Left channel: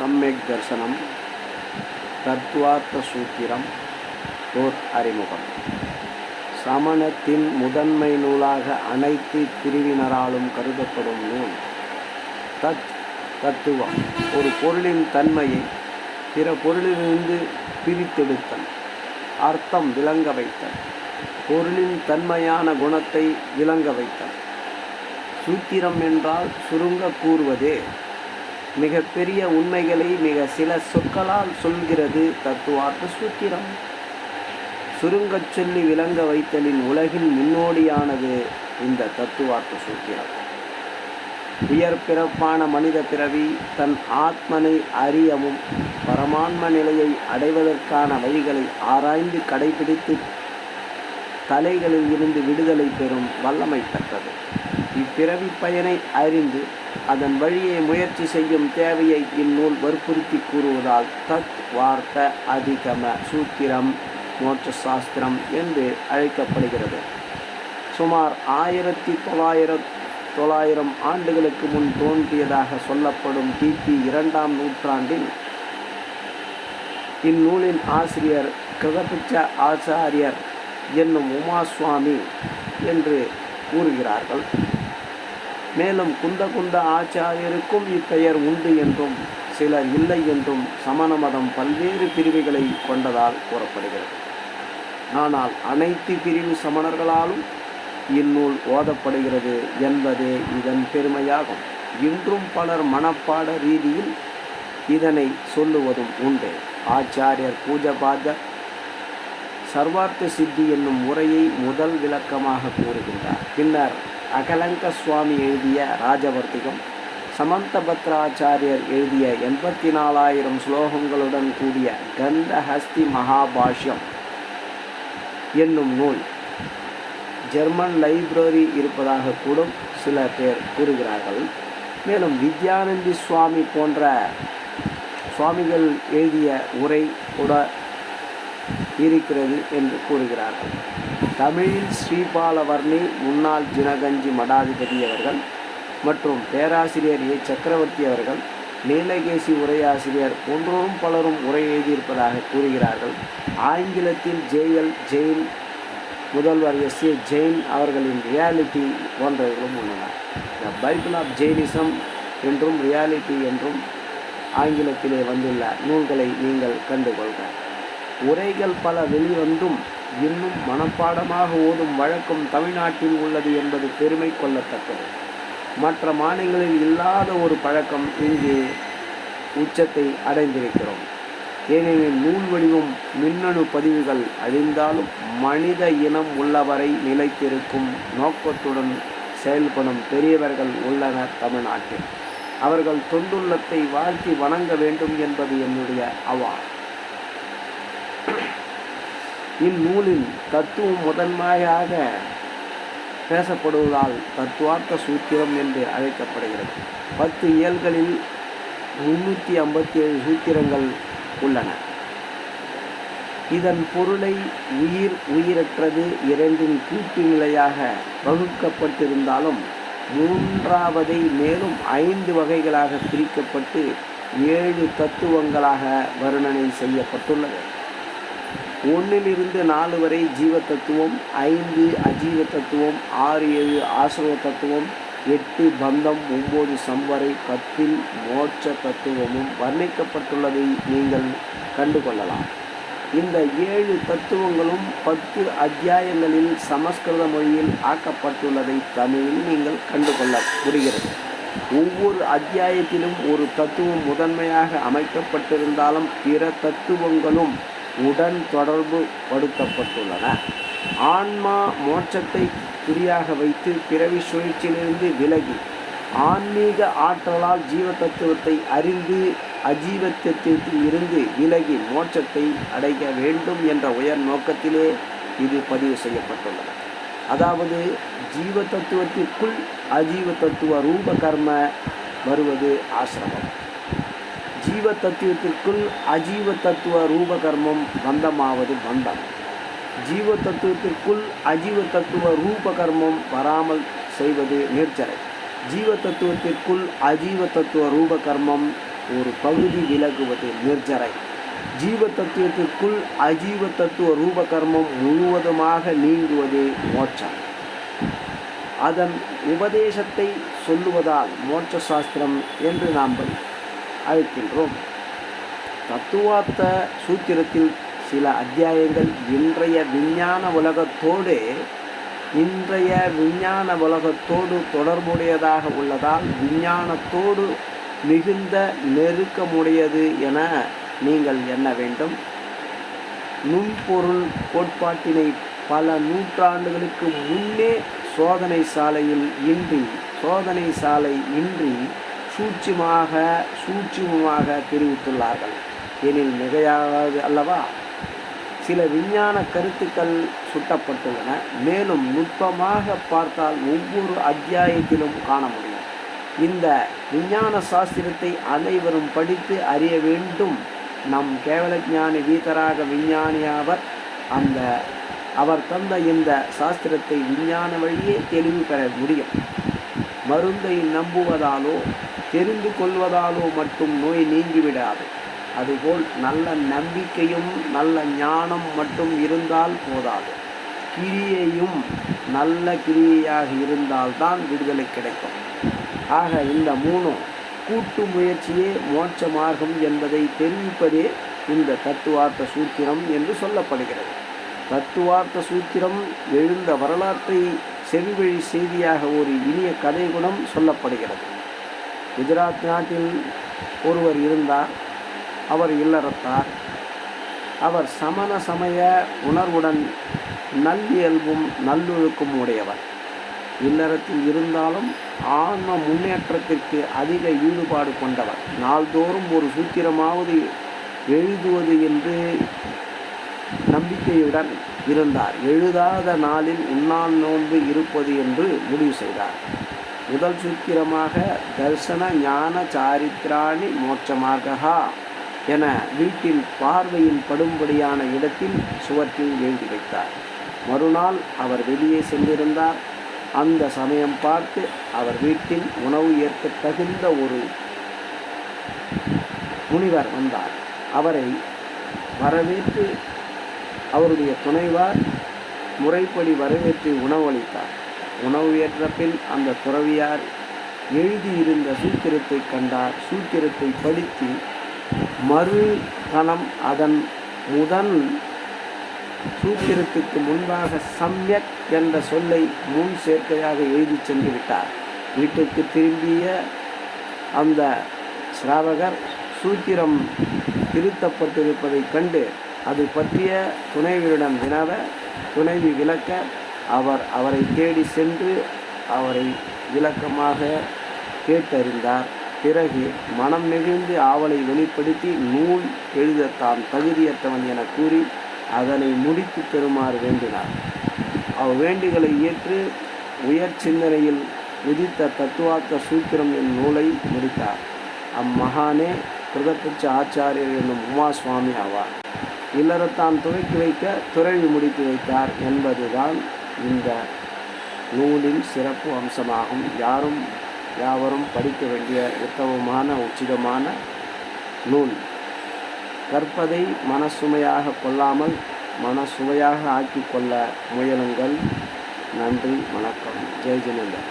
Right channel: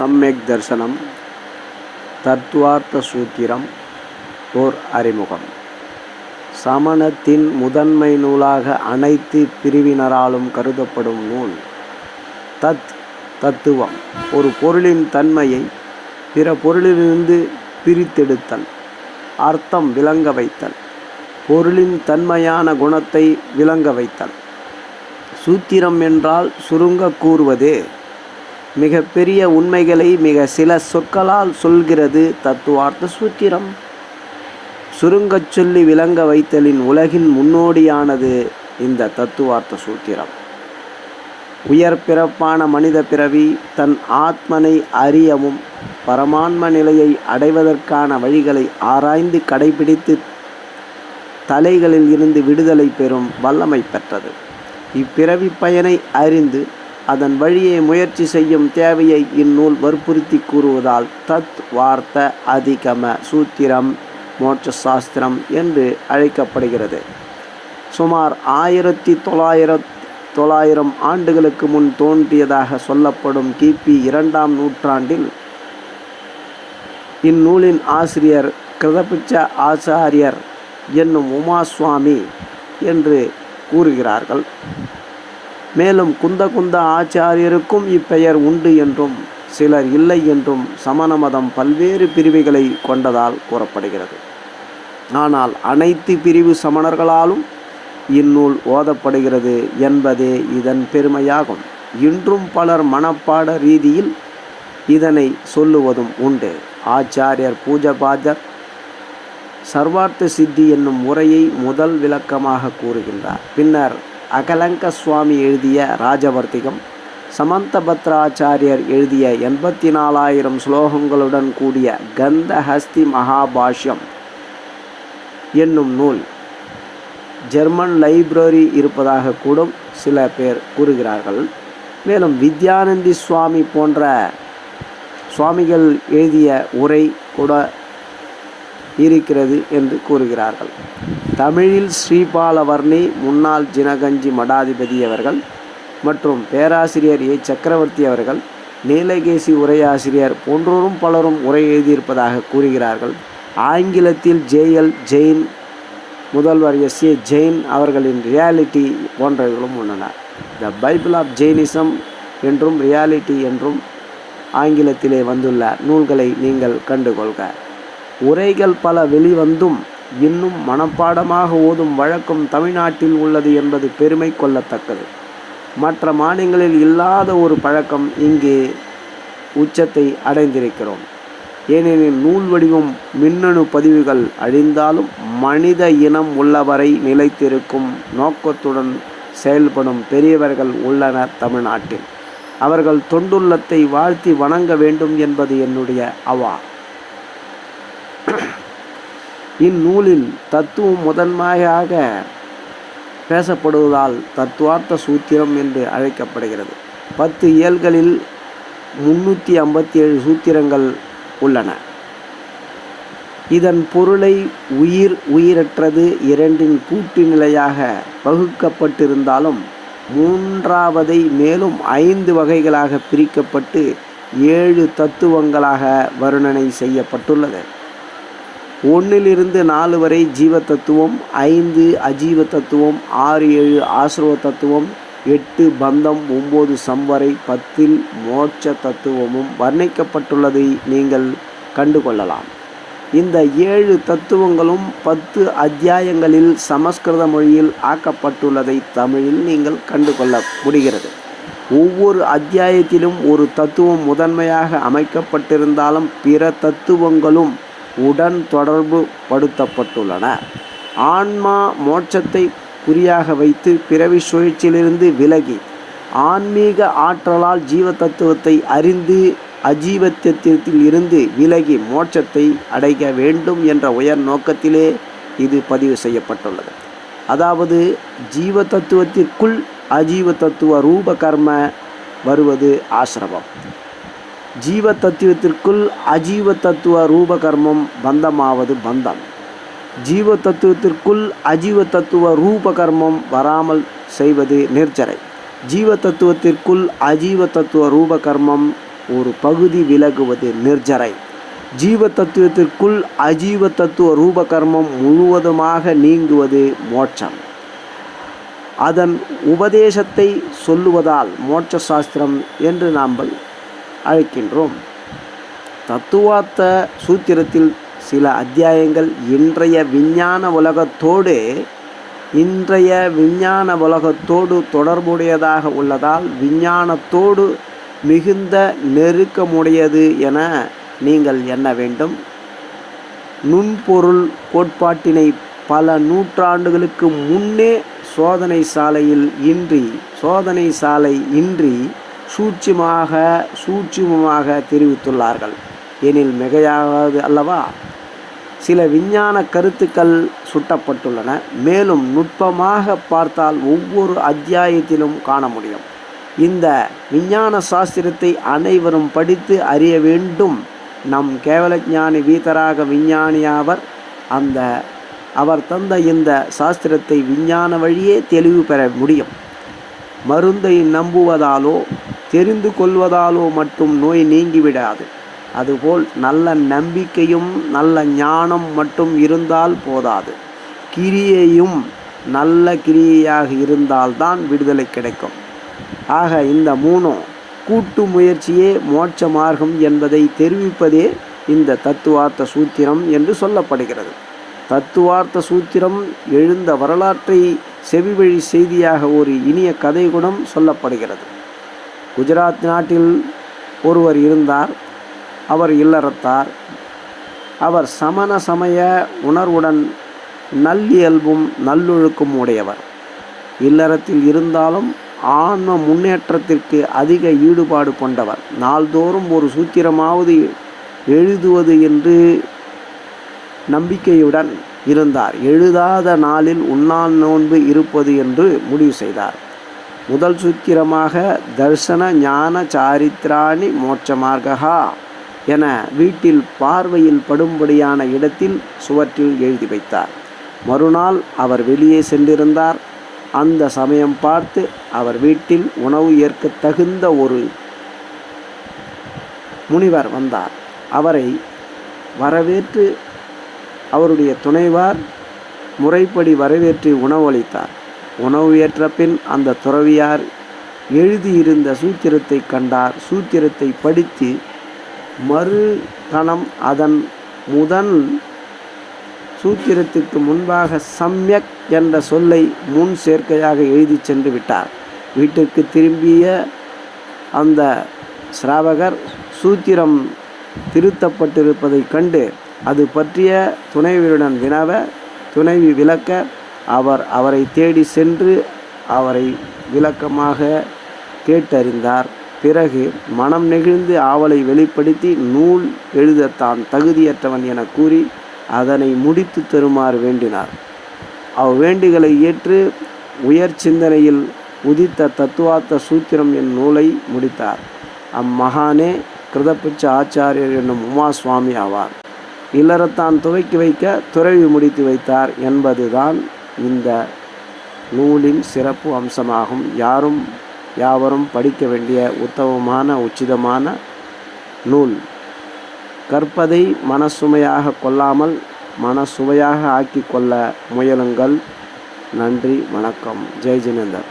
சம்யக் தர்சனம் தத்துவார்த்த சூத்திரம் ஓர் அறிமுகம். சமணத்தின் முதன்மை நூலாக அனைத்து பிரிவினராலும் கருதப்படும் நூல். தத்துவம் ஒரு பொருளின் தன்மையை பிற பொருளிலிருந்து பிரித்தெடுத்தல், அர்த்தம் விளங்க வைத்தல், பொருளின் தன்மையான குணத்தை விளங்க வைத்தல். சூத்திரம் என்றால் சுருங்க கூறுவதே. மிக பெரிய உண்மைகளை மிக சில சொற்களால் சொல்கிறது தத்துவார்த்த சூத்திரம். சுருங்கச் சொல்லி விளங்க வைத்தலின் உலகின் முன்னோடியானது இந்த தத்துவார்த்த சூத்திரம். உயர் பிறப்பான மனித பிறவி தன் ஆத்மனை அறியவும் பரமான்ம நிலையை அடைவதற்கான வழிகளை ஆராய்ந்து கடைபிடித்து தலைகளில் இருந்து விடுதலை பெறும் வல்லமை பெற்றது. இப்பிறவி பயனை அறிந்து அதன் வழியை முயற்சி செய்யும் தேவையை இந்நூல் வற்புறுத்தி கூறுவதால் தத்வார்த்த அதிகம சூத்திரம் மோட்ச சாஸ்திரம் என்று அழைக்கப்படுகிறது. சுமார் 1900 ஆண்டுகளுக்கு முன் தோன்றியதாக சொல்லப்படும் கிபி 2ஆம் நூற்றாண்டில் இந்நூலின் ஆசிரியர் கிருதபிச்ச ஆச்சாரியர் என்னும் உமாசுவாமி என்று கூறுகிறார்கள். மேலும் குந்த ஆச்சாரியருக்கும் இப்பெயர் உண்டு என்றும் சிலர் இல்லை என்றும் சமண மதம் பல்வேறு பிரிவுகளை கொண்டதால் கூறப்படுகிறது. ஆனால் அனைத்து பிரிவு சமணர்களாலும் இந்நூல் ஓதப்படுகிறது என்பதே இதன் பெருமையாகும். இன்றும் பலர் மனப்பாட ரீதியில் இதனை சொல்லுவதும் உண்டு. ஆச்சாரியர் பூஜபாஜர் சர்வார்த்த சித்தி என்னும் முறையை முதல் விளக்கமாக கூறுகின்றார். பின்னர் அகலங்க சுவாமி எழுதிய ராஜவர்த்திகம், சமந்தபத்ராச்சாரியர் எழுதிய 84,000 ஸ்லோகங்களுடன் கூடிய கந்தஹஸ்தி மகாபாஷ்யம் என்னும் நூல் ஜெர்மன் லைப்ரரி இருப்பதாக கூட சில பேர் கூறுகிறார்கள். மேலும் வித்யானந்தி சுவாமி போன்ற சுவாமிகள் எழுதிய உரை கூட இருக்கிறது என்று கூறுகிறார்கள். தமிழில் ஸ்ரீபாலவர்ணி முன்னாள் ஜினகஞ்சி மடாதிபதி அவர்கள் மற்றும் பேராசிரியர் ஏ சக்கரவர்த்தி அவர்கள், நீலகேசி உரையாசிரியர் போன்றோரும் பலரும் உரை எழுதியிருப்பதாக கூறுகிறார்கள். ஆங்கிலத்தில் ஜேஎல் ஜெயின், முதல்வர் எஸ்ஏ ஜெயின் அவர்களின் ரியாலிட்டி போன்றவர்களும் உள்ளன. த பைபிள் ஆஃப் ஜெயினிசம் என்றும் ரியாலிட்டி என்றும் ஆங்கிலத்திலே வந்துள்ள நூல்களை நீங்கள் கண்டுகொள்க. உரைகள் பல வெளிவந்தும் இன்னும் மனப்பாடமாக ஓதும் வழக்கம் தமிழ்நாட்டில் உள்ளது என்பது பெருமை கொள்ளத்தக்கது. மற்ற மாநிலங்களில் இல்லாத ஒரு பழக்கம் இங்கே உச்சத்தை அடைந்திருக்கிறோம். ஏனெனில் நூல் வடிவம் மின்னணு பதிவுகள் அழிந்தாலும் மனித இனம் உள்ளவரை நிலைத்திருக்கும் நோக்கத்துடன் செயல்படும் பெரியவர்கள் உள்ளனர் தமிழ்நாட்டில். அவர்கள் தொண்டுள்ளத்தை வாழ்த்தி வணங்க வேண்டும் என்பது என்னுடைய அவா. இந்நூலில் தத்துவம் முதன்மையாக பேசப்படுவதால் தத்துவார்த்த சூத்திரம் என்று அழைக்கப்படுகிறது. 10 இயல்களில் 357 சூத்திரங்கள் உள்ளன. இதன் பொருளை உயிரற்றது இரண்டின் கூட்டு நிலையாக வகுக்கப்பட்டிருந்தாலும் மூன்றாவதை மேலும் 5 வகைகளாக பிரிக்கப்பட்டு 7 தத்துவங்களாக வர்ணனை செய்யப்பட்டுள்ளது. 1 - 4 வரை ஜீவ தத்துவம், 5 அஜீவ தத்துவம், 6 7 ஆசிரவ தத்துவம், 8 பந்தம், 9 சம்வரை, 10 மோட்ச தத்துவமும் வர்ணிக்கப்பட்டுள்ளதை நீங்கள் கண்டுகொள்ளலாம். இந்த 7 தத்துவங்களும் 10 அத்தியாயங்களில் சமஸ்கிருத மொழியில் ஆக்கப்பட்டுள்ளதை தமிழில் நீங்கள் கண்டுகொள்ள முடிகிறது. ஒவ்வொரு அத்தியாயத்திலும் ஒரு தத்துவம் முதன்மையாக அமைக்கப்பட்டிருந்தாலும் பிற தத்துவங்களும் உடன் தொடர்பு படுத்தப்பட்டுள்ளன. ஆன்மா மோட்சத்தை குறியாக வைத்து பிறவி சுழற்சியிலிருந்து விலகி ஆன்மீக ஆற்றலால் ஜீவ தத்துவத்தை அறிந்து அஜீவத்தியத்தில் இருந்து விலகி மோட்சத்தை அடைய வேண்டும் என்ற உயர் நோக்கத்திலே இது பதிவு செய்யப்பட்டுள்ளது. அதாவது ஜீவ தத்துவத்திற்குள் அஜீவ தத்துவ ரூப கர்ம வருவது ஆசிரமம், ஜீவ தத்துவத்திற்குள் அஜீவ தத்துவ ரூப கர்மம் பந்தமாவது பந்தம், ஜீவ தத்துவத்திற்குள் அஜீவ தத்துவ ரூப கர்மம் வராமல் செய்வது நிர்ஜரை, ஜீவ தத்துவத்திற்குள் அஜீவ தத்துவ ரூப கர்மம் ஒரு பகுதி விலகுவது நிர்ஜரை. ஜீவ தத்துவத்திற்குள் அஜீவ தத்துவ ரூபகர்மம் முழுவதுமாக நீங்குவது மோட்சம். அதன் உபதேசத்தை சொல்லுவதால் மோட்ச சாஸ்திரம் என்று நாம் அழைக்கின்றோம். தத்துவார்த்த சூத்திரத்தில் சில அத்தியாயங்கள் இன்றைய விஞ்ஞான உலகத்தோடு தொடர்புடையதாக உள்ளதால் விஞ்ஞானத்தோடு மிகுந்த நெருக்கமுடையது என நீங்கள் எண்ண வேண்டும். நுண்பொருள் கோட்பாட்டினை பல நூற்றாண்டுகளுக்கு முன்னே சோதனை சாலை இன்றி சூட்சுமமாக தெரிவித்துள்ளார்கள் எனில் மிகையாகாது அல்லவா? சில விஞ்ஞான கருத்துக்கள் சுட்டப்பட்டுள்ளன. மேலும் நுட்பமாக பார்த்தால் ஒவ்வொரு அத்தியாயத்திலும் காண முடியும். இந்த விஞ்ஞான சாஸ்திரத்தை அனைவரும் படித்து அறிய வேண்டும். நம் கேவலஞானி வீதராக விஞ்ஞானியாவர் அவர் தந்த இந்த சாஸ்திரத்தை விஞ்ஞான வழியே தெளிவு பெற முடியும். மருந்தை நம்புவதாலோ தெரிந்து கொள்வதாலோ மட்டும் நோய் நீங்கிவிடாது. அதுபோல் நல்ல நம்பிக்கையும் நல்ல ஞானம் மட்டும் இருந்தால் போதாது. கிரியையும் நல்ல கிரியையாக இருந்தால்தான் விடுதலை கிடைக்கும். ஆக இந்த மூணும் கூட்டு முயற்சியே மோட்ச மார்க்கம் என்பதை தெரிவிப்பதே இந்த தத்துவார்த்த சூத்திரம் என்று சொல்லப்படுகிறது. தத்துவார்த்த சூத்திரம் எழுந்த வரலாற்றை செவிவழி செய்தியாக ஒரு இனிய கதை குணம் சொல்லப்படுகிறது. குஜராத் நாட்டில் ஒருவர் இருந்தார். அவர் இல்லறத்தார். அவர் சமண சமய உணர்வுடன் நல்லியல்பும் நல்லொழுக்கும் உடையவர். இல்லறத்தில் இருந்தாலும் ஆன்ம முன்னேற்றத்திற்கு அதிக ஈடுபாடு கொண்டவர். நாள்தோறும் ஒரு சூத்திரமாவது எழுதுவது என்று நம்பிக்கையுடன் இருந்தார். எழுதாத நாளில் உண்ணால் நோன்பு இருப்பது என்று முடிவு செய்தார். முதல் சூத்திரமாக தர்சன ஞான சாரித்ராணி மோட்ச மார்கா என வீட்டில் பார்வையில் படும்படியான இடத்தில் சுவற்றில் எழுதி வைத்தார். மறுநாள் அவர் வெளியே சென்றிருந்தார். அந்த சமயம் பார்த்து அவர் வீட்டில் உணவு ஏற்க தகுந்த ஒரு முனிவர் வந்தார். அவரை வரவேற்று அவருடைய துணைவார் முறைப்படி வரவேற்று உணவளித்தார். உணவு ஏற்ற பின் அந்த துறவியார் எழுதியிருந்த சூத்திரத்தை கண்டார். சூத்திரத்தை படித்து மறுகணம் அதன் முதல் சூத்திரத்துக்கு முன்பாக சம்யக் என்ற சொல்லை முன் சேர்க்கையாக எழுதி சென்று விட்டார். வீட்டிற்கு திரும்பிய அந்த சிராவகர் சூத்திரம் திருத்தப்பட்டிருப்பதை கண்டு அது பற்றிய துணைவியுடன் வினவ, துணைவி விளக்க அவரை தேடி சென்று அவரை விளக்கமாக கேட்டறிந்தார். பிறகு மனம் நெகிழ்ந்து ஆவலை வெளிப்படுத்தி நூல் எழுத தான் தகுதியற்றவன் என கூறி அதனை முடித்து தருமாறு வேண்டினார். அவ்வேண்டுகளை ஏற்று உயர் சிந்தனையில் உதித்த தத்துவார்த்த சூத்திரம் என் நூலை முடித்தார். அம்மகானே கிருதபட்ச ஆச்சாரியர் என்னும் உமா சுவாமி ஆவார். இல்லறத்தான் துவக்கி வைக்க துறவி முடித்து வைத்தார் என்பதுதான் இந்த நூலின் சிறப்பு அம்சமாகும். யாவரும் படிக்க வேண்டிய உத்தமமான உச்சிதமான நூல். கற்பதை மனசுமையாக கொள்ளாமல் மனசுவையாக ஆக்கி கொள்ள முயலுங்கள். நன்றி, வணக்கம். ஜெய் ஜினேந்தர்.